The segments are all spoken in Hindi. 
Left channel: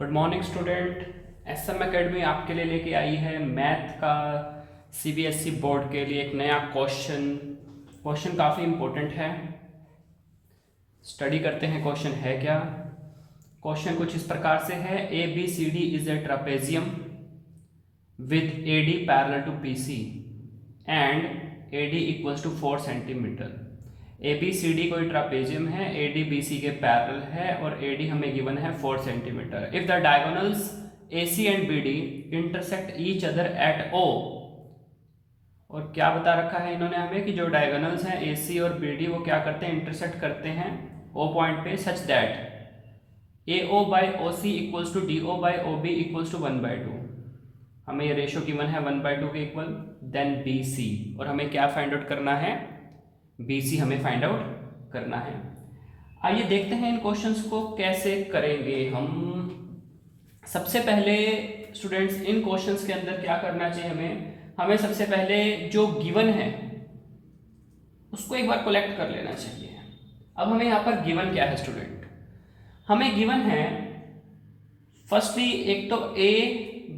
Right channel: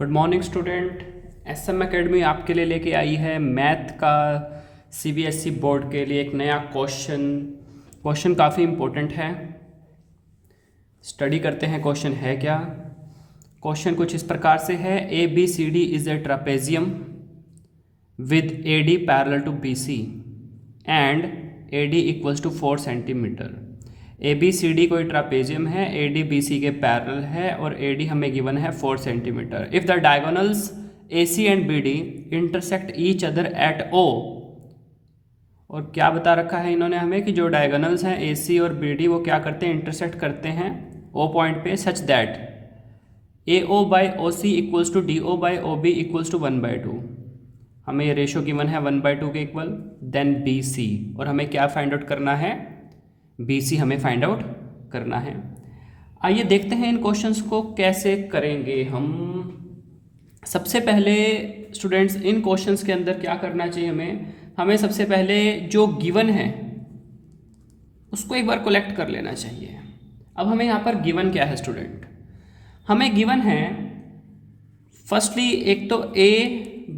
Good morning student. SM academy आपके लिए लेके आई है मैथ का सीबीएसई बोर्ड के लिए एक नया क्वेश्चन काफ़ी इम्पोर्टेंट है। स्टडी करते हैं क्वेश्चन है क्या। क्वेश्चन कुछ इस प्रकार से है, A B C D is a trapezium with A D parallel to B C and A D equals to 4 centimetre. A B C D कोई ट्रापेजियम है, ए डी बी सी के पैरेलल है और ए डी हमें गिवन है 4 centimetre. If the diagonals A C and B D intersect each other at O, और क्या बता रखा है इन्होंने हमें कि जो डायगोनल्स हैं ए सी और बी डी वो क्या करते हैं, इंटरसेक्ट करते हैं ओ पॉइंट पे, such that A O by O C equals to D O by O B equals to 1/2। हमें ये रेशो गिवन है 1/2 के इक्वल। देन बी सी, और हमें क्या फाइंड आउट करना है, बी सी हमें फाइंड आउट करना है। आइए देखते हैं इन क्वेश्चंस को कैसे करेंगे हम। सबसे पहले स्टूडेंट्स इन क्वेश्चंस के अंदर क्या करना चाहिए, हमें सबसे पहले जो गिवन है उसको एक बार कलेक्ट कर लेना चाहिए। अब हमें यहाँ पर गिवन क्या है स्टूडेंट, हमें गिवन है फर्स्टली एक तो ए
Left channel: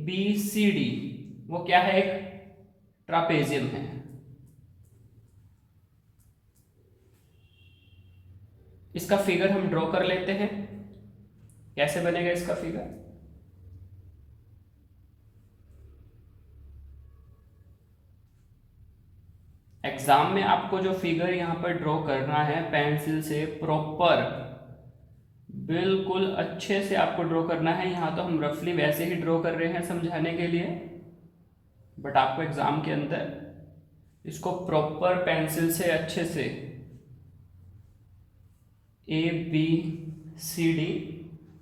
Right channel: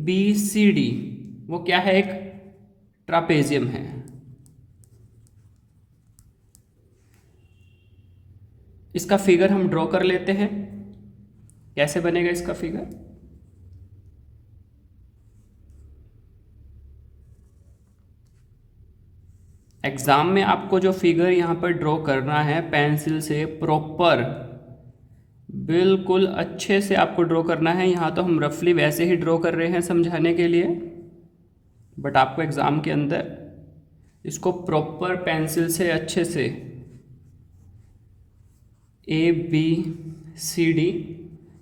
बी सी डी, वो क्या है, एक ट्रापेजियम है। इसका फिगर हम ड्रॉ कर लेते हैं। कैसे बनेगा इसका फिगर, एग्जाम में आपको जो फिगर यहां पर ड्रॉ करना है पेंसिल से प्रॉपर बिल्कुल अच्छे से आपको ड्रॉ करना है। यहाँ तो हम रफली वैसे ही ड्रॉ कर रहे हैं समझाने के लिए, बट आपको एग्जाम के अंदर इसको प्रॉपर पेंसिल से अच्छे से ए बी सी डी,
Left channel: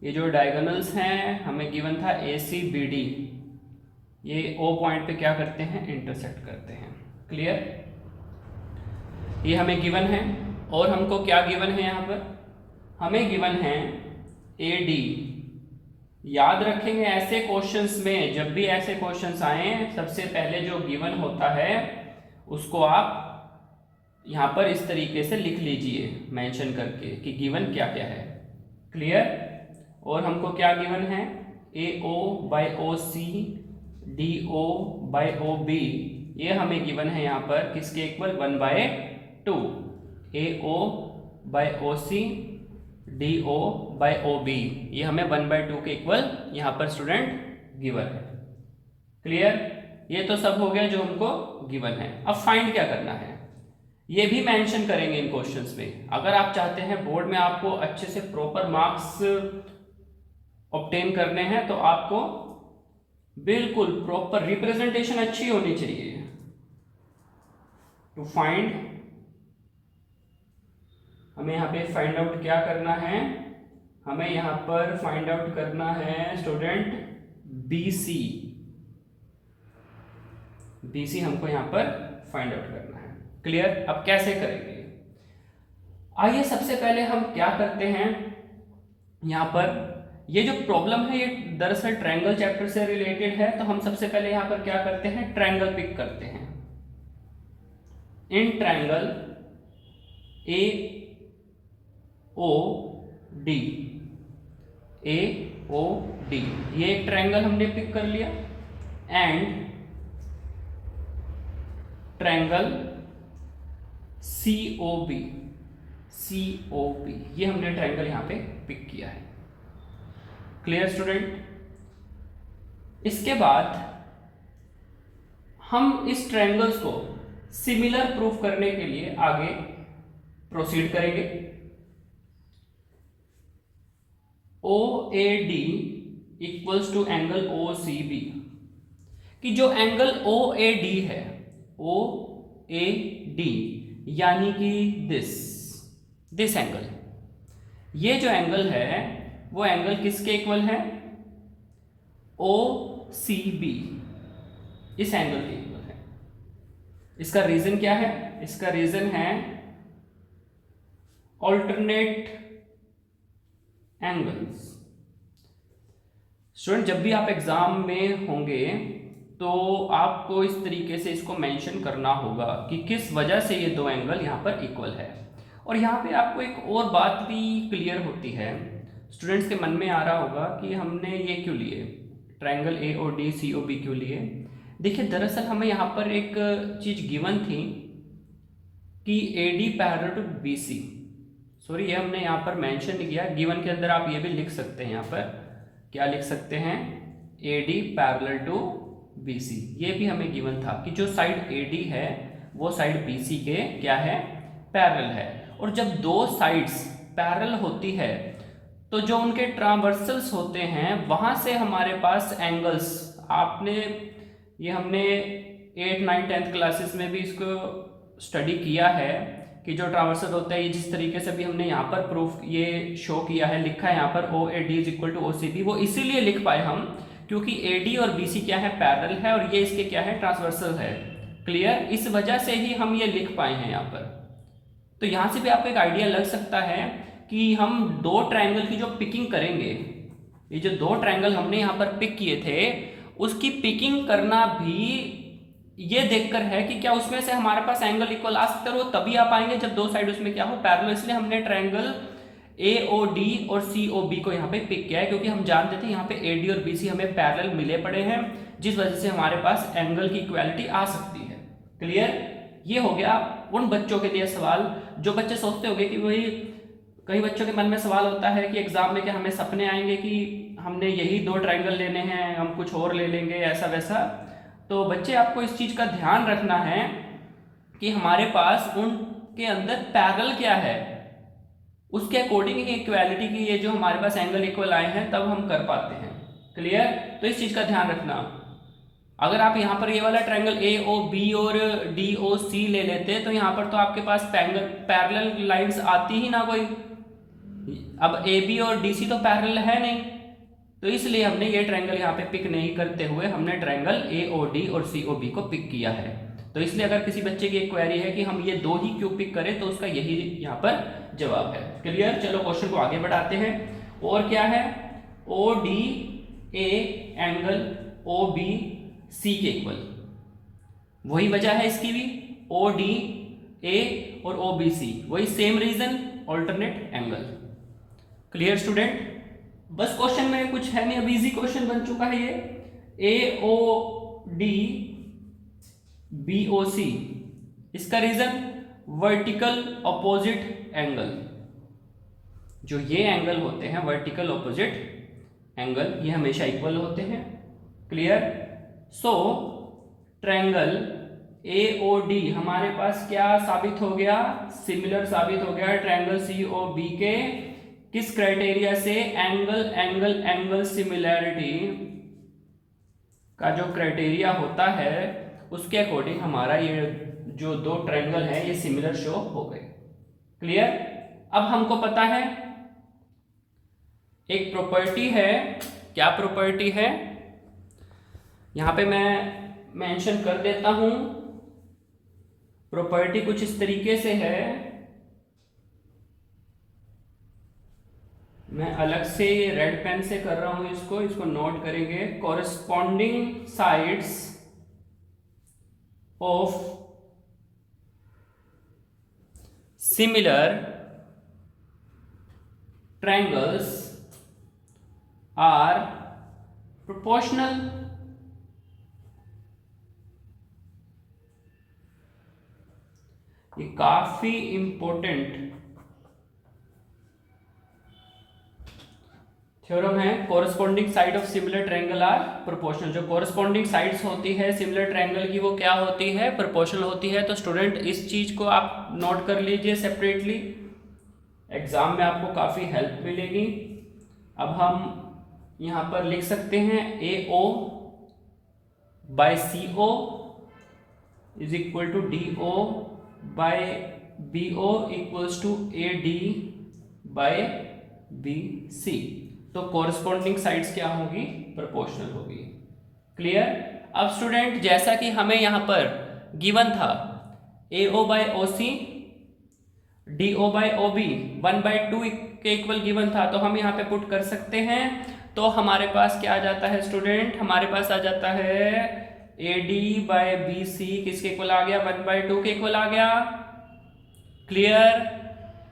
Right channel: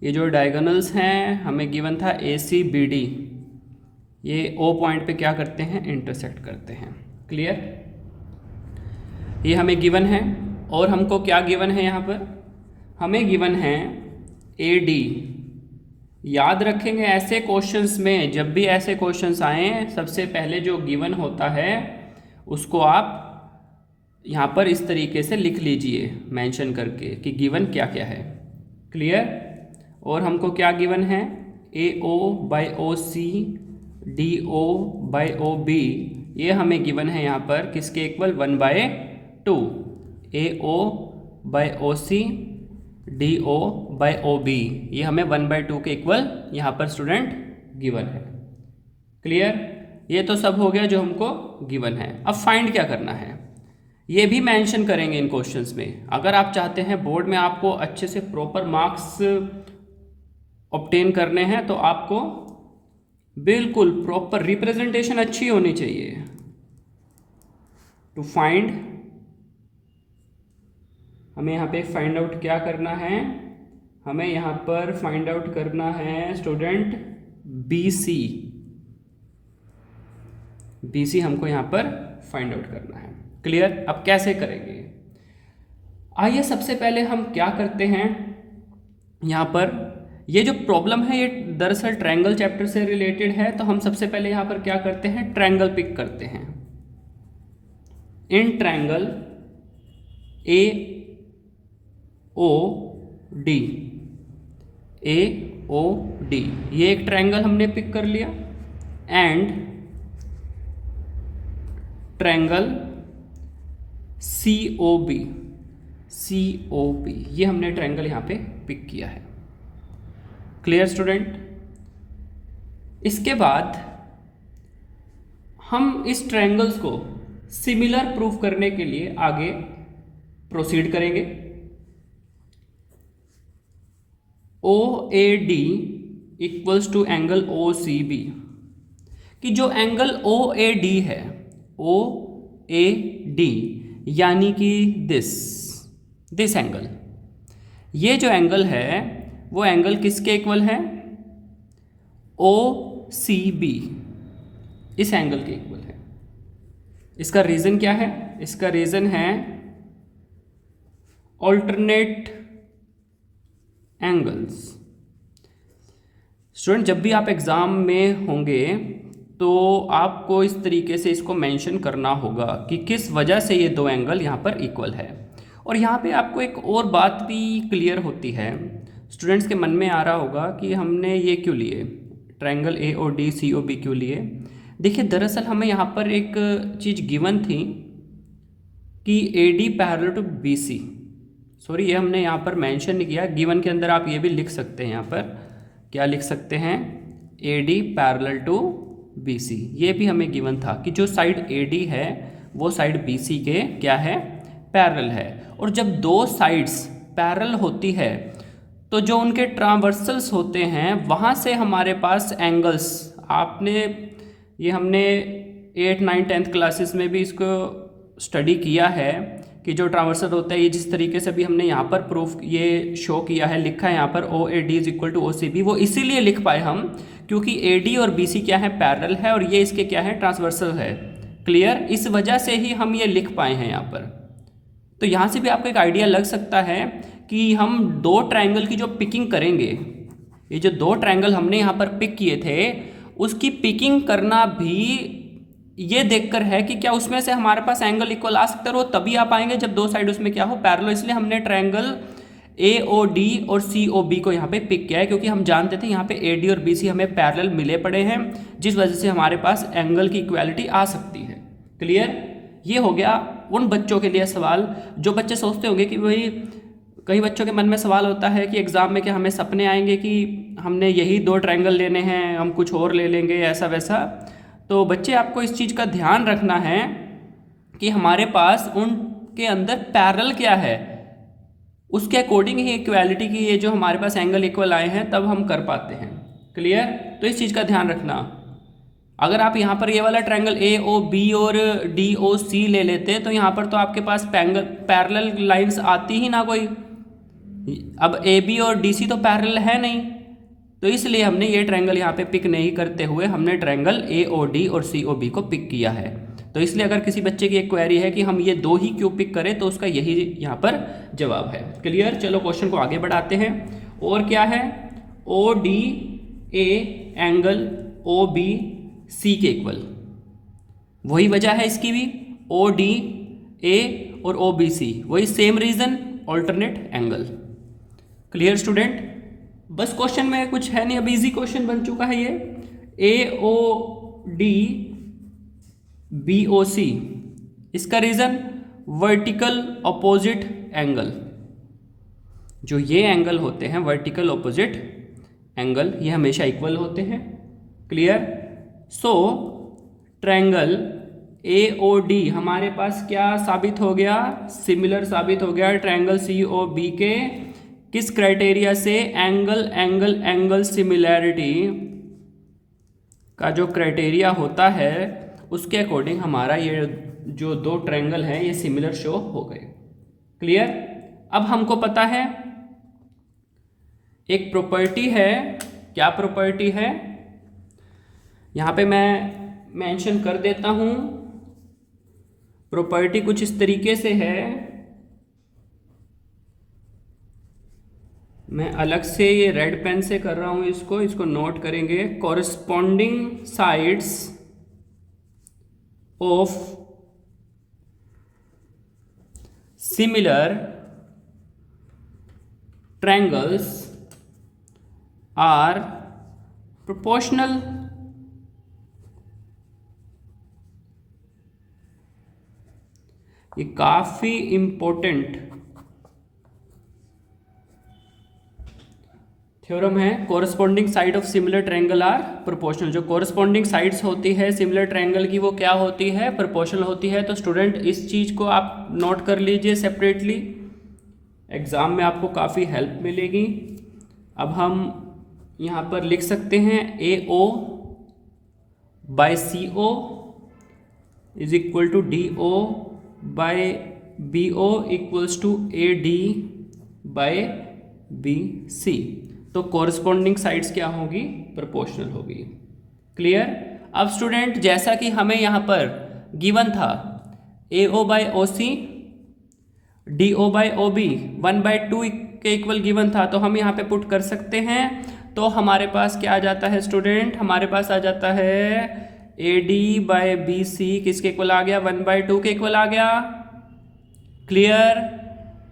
ये जो डायगोनल्स हैं हमें गिवन था ए सी बी डी, ये ओ पॉइंट पे क्या करते हैं, इंटरसेक्ट करते हैं। क्लियर, ये हमें गिवन है। और हमको क्या गिवन है, यहाँ पर हमें गिवन है ए डी। याद रखेंगे ऐसे क्वेश्चंस में, जब भी ऐसे क्वेश्चंस आए सबसे पहले जो गिवन होता है उसको आप यहाँ पर इस तरीके से लिख लीजिए मेंशन करके कि गिवन क्या क्या है। क्लियर, और हमको क्या गिवन है, A O by O C D O by O B, ये हमें गिवन है यहाँ पर किसके equal, 1/2। A O by O C D O by O B, ये हमें 1/2 के इक्वल यहाँ पर स्टूडेंट गिवन है। क्लियर, ये तो सब हो गया जो हमको गिवन है। अब फाइंड क्या करना है ये भी मेंशन करेंगे इन क्वेश्चंस में। अगर आप चाहते हैं बोर्ड में आपको अच्छे से प्रॉपर मार्क्स ऑब्टेन करने हैं तो आपको बिल्कुल प्रॉपर रिप्रेजेंटेशन अच्छी होनी चाहिए। टू फाइंड, हमें यहाँ पे फाइंड आउट क्या करना है, हमें यहाँ पर फाइंड आउट करना है student B C. B C हमको यहाँ पर फाइंड आउट करना है। क्लियर, अब कैसे करेंगे, आइए सबसे पहले हम क्या करते हैं, यहाँ पर ये जो प्रॉब्लम है ये दरअसल ट्रायंगल चैप्टर से रिलेटेड है, तो हम सबसे पहले यहाँ पर क्या करते हैं, ट्रायंगल पिक करते हैं। इन triangle A O D, A O D, ये एक ट्रायंगल हमने पिक कर लिया। And triangle C O B, C O B, ये हमने ट्रायंगल यहाँ पे पिक किया है। क्लियर स्टूडेंट, इसके बाद हम इस ट्रायंगल्स को सिमिलर प्रूफ करने के लिए आगे प्रोसीड करेंगे। O A D equals to angle O C B, कि जो एंगल ओ ए डी है, ओ ए डी यानी कि दिस एंगल, ये जो एंगल है वो एंगल किसके इक्वल है, ओ सी बी, इस एंगल के इक्वल है। इसका रीजन क्या है, इसका रीजन है ऑल्टरनेट एंगल्स। स्टूडेंट जब भी आप एग्जाम में होंगे तो आपको इस तरीके से इसको मेंशन करना होगा कि किस वजह से ये दो एंगल यहाँ पर इक्वल है। और यहाँ पे आपको एक और बात भी क्लियर होती है, स्टूडेंट्स के मन में आ रहा होगा कि हमने ये क्यों लिए, triangle A O D C O B क्यों लिए। देखिए दरअसल हमें यहाँ पर एक चीज़ गिवन थी कि A D parallel to B C, sorry ये हमने यहाँ पर मेंशन नहीं किया, गिवन के अंदर आप ये भी लिख सकते हैं, यहाँ पर क्या लिख सकते हैं, A D parallel to B C, ये भी हमें गिवन था कि जो साइड ए डी है वो साइड बी सी के क्या है, पैरेलल है। और जब दो साइड्स पैरेलल होती है तो जो उनके ट्रांवर्सल्स होते हैं वहाँ से हमारे पास एंगल्स, आपने ये हमने 8, 9, 10th क्लासेस में भी इसको स्टडी किया है कि जो ट्रांवर्सल होता है, ये जिस तरीके से भी हमने यहाँ पर प्रूफ ये शो किया है, लिखा है यहाँ पर O A D is equal to O C B, वो इसीलिए लिख पाए हम क्योंकि ए डी और बी सी क्या है, पैरेलल है और ये इसके क्या है, ट्रांसवर्सल है। क्लियर, इस वजह से ही हम ये लिख पाए हैं यहाँ पर। तो यहाँ से भी आपको एक आइडिया लग सकता है कि हम दो ट्रायंगल की जो पिकिंग करेंगे, ये जो दो ट्रायंगल हमने यहाँ पर पिक किए थे उसकी पिकिंग करना भी ये देखकर है कि क्या उसमें से हमारे पास एंगल इक्वल आ सकते हो, तभी आ पाएंगे जब दो साइड उसमें क्या हो, पैरेलल। इसलिए हमने ट्रायंगल ए ओ डी और सी ओ बी को यहाँ पे पिक किया है क्योंकि हम जानते थे यहाँ पे ए डी और बी सी हमें पैरेलल मिले पड़े हैं, जिस वजह से हमारे पास एंगल की इक्वालिटी आ सकती है। क्लियर, ये हो गया उन बच्चों के लिए सवाल जो बच्चे सोचते होंगे कि भाई, कई बच्चों के मन में सवाल होता है कि एग्जाम में क्या हमें सपने आएंगे कि हमने यही दो ट्रायंगल लेने हैं, हम कुछ और ले लेंगे ऐसा वैसा। तो बच्चे आपको इस चीज़ का ध्यान रखना है कि हमारे पास उनके अंदर पैरेलल क्या है, उसके अकॉर्डिंग ही इक्वालिटी की ये जो हमारे पास एंगल इक्वल आए हैं तब हम कर पाते हैं। क्लियर, तो इस चीज़ का ध्यान रखना। अगर आप यहाँ पर ये वाला ट्रायंगल ए ओ बी और डी ओ सी ले लेते तो यहाँ पर तो आपके पास पैरेलल लाइंस आती ही ना कोई। अब ए बी और डी सी तो पैरेलल है नहीं, तो इसलिए हमने ये ट्रायंगल यहाँ पे पिक नहीं करते हुए हमने ट्रायंगल ए ओ डी और सी ओ बी को पिक किया है। तो इसलिए अगर किसी बच्चे की एक क्वेरी है कि हम ये दो ही क्यों पिक करें तो उसका यही यहाँ पर जवाब है। क्लियर, चलो क्वेश्चन को आगे बढ़ाते हैं। और क्या है, O D A angle O B C के इक्वल, वही वजह है इसकी भी, ओ डी ए और ओ बी सी वही same reason, alternate angle. Clear student, बस क्वेश्चन में कुछ है नहीं, अब इजी क्वेश्चन बन चुका है ये। ए ओ डी बी ओ सी, इसका रीजन वर्टिकल ऑपोजिट एंगल, जो ये एंगल होते हैं वर्टिकल ऑपोजिट एंगल ये हमेशा इक्वल होते हैं। Clear, so triangle A O D हमारे पास क्या साबित हो गया, सिमिलर साबित हो गया ट्रायंगल सी ओ बी के किस क्राइटेरिया से, एंगल एंगल एंगल सिमिलैरिटी का जो क्राइटेरिया होता है उसके अकॉर्डिंग हमारा ये जो दो ट्रायंगल है ये सिमिलर शो हो गए। क्लियर, अब हमको पता है एक प्रॉपर्टी है, क्या प्रॉपर्टी है, यहाँ पे मैं मेंशन कर देता हूं। प्रॉपर्टी कुछ इस तरीके से है, मैं अलग से ये रेड पेन से कर रहा हूं इसको नोट करेंगे। Corresponding sides of similar triangles are proportional. ये काफी इंपॉर्टेंट थ्योरम है। Corresponding side of similar triangle are proportional, जो कोरस्पॉन्डिंग साइड्स होती है सिमिलर ट्रायंगल की वो क्या होती है, प्रोपोर्शनल होती है। तो स्टूडेंट इस चीज़ को आप नोट कर लीजिए सेपरेटली, एग्जाम में आपको काफ़ी हेल्प मिलेगी। अब हम यहाँ पर लिख सकते हैं A O by C O is equal to D O by B O equals to A D by B C. तो कॉरस्पॉन्डिंग साइड्स क्या होगी, प्रोपोर्शनल होगी। क्लियर, अब स्टूडेंट जैसा कि हमें यहाँ पर गिवन था A O by O C D O by O B 1/2 के इक्वल गिवन था, तो हम यहाँ पे पुट कर सकते हैं। तो हमारे पास क्या आ जाता है स्टूडेंट, हमारे पास आ जाता है A D by B C किसके इक्वल आ गया, 1/2 के इक्वल आ गया। क्लियर,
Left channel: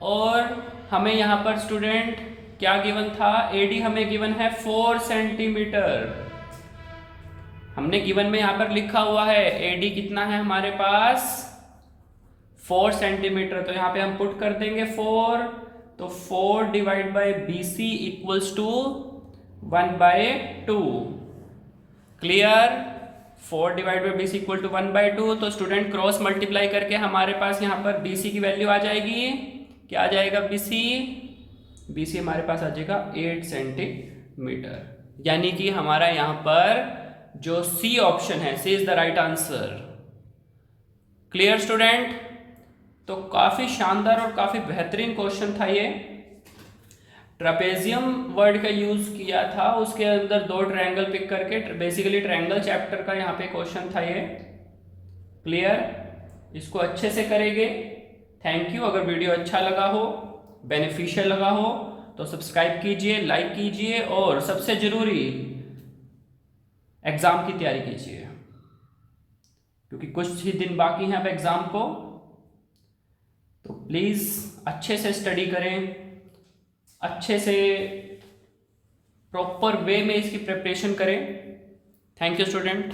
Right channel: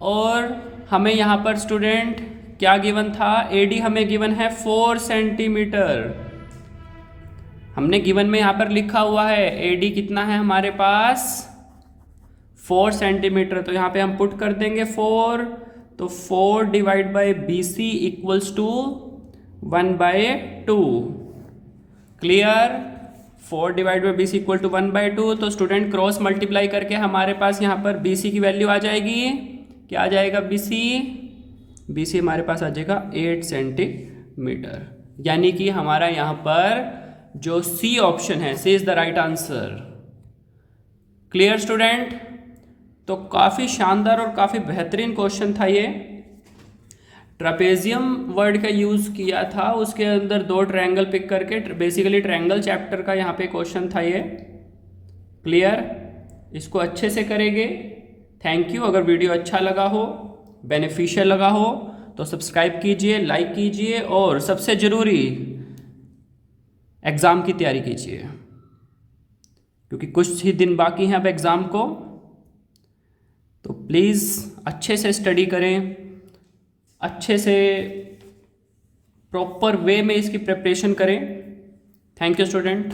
और हमें यहाँ पर स्टूडेंट क्या गिवन था? AD हमें गिवन है 4 सेंटीमीटर। हमने गिवन में यहाँ पर लिखा हुआ है AD कितना है हमारे पास? 4 सेंटीमीटर। तो यहाँ पे हम पुट कर देंगे 4, तो 4 divide by BC equals to 1/2। Clear? 4 divide by BC equal to 1/2। तो स्टूडेंट क्रॉस मल्टीप्लाई करके हमारे पास यहाँ पर BC की वैल्यू आ जाएगी। क्या आ जाएगा BC हमारे पास आ जाएगा 8 सेंटीमीटर। यानी कि हमारा यहाँ पर जो C ऑप्शन है, C is the right answer. Clear student? तो काफ़ी शानदार और काफ़ी बेहतरीन क्वेश्चन था ये। ट्रापेजियम वर्ड का यूज़ किया था, उसके अंदर 2 ट्रायंगल पिक करके, बेसिकली ट्रायंगल चैप्टर का यहाँ पे क्वेश्चन था ये। क्लियर? इसको अच्छे से करेंगे। Thank you. अगर वीडियो अच्छा लगा हो, बेनिफिशियल लगा हो, तो सब्सक्राइब कीजिए, लाइक कीजिए और सबसे ज़रूरी एग्ज़ाम की तैयारी कीजिए, क्योंकि कुछ ही दिन बाकी हैं अब एग्ज़ाम को। तो प्लीज़ अच्छे से स्टडी करें, अच्छे से प्रॉपर वे में इसकी प्रिपरेशन करें। Thank you student.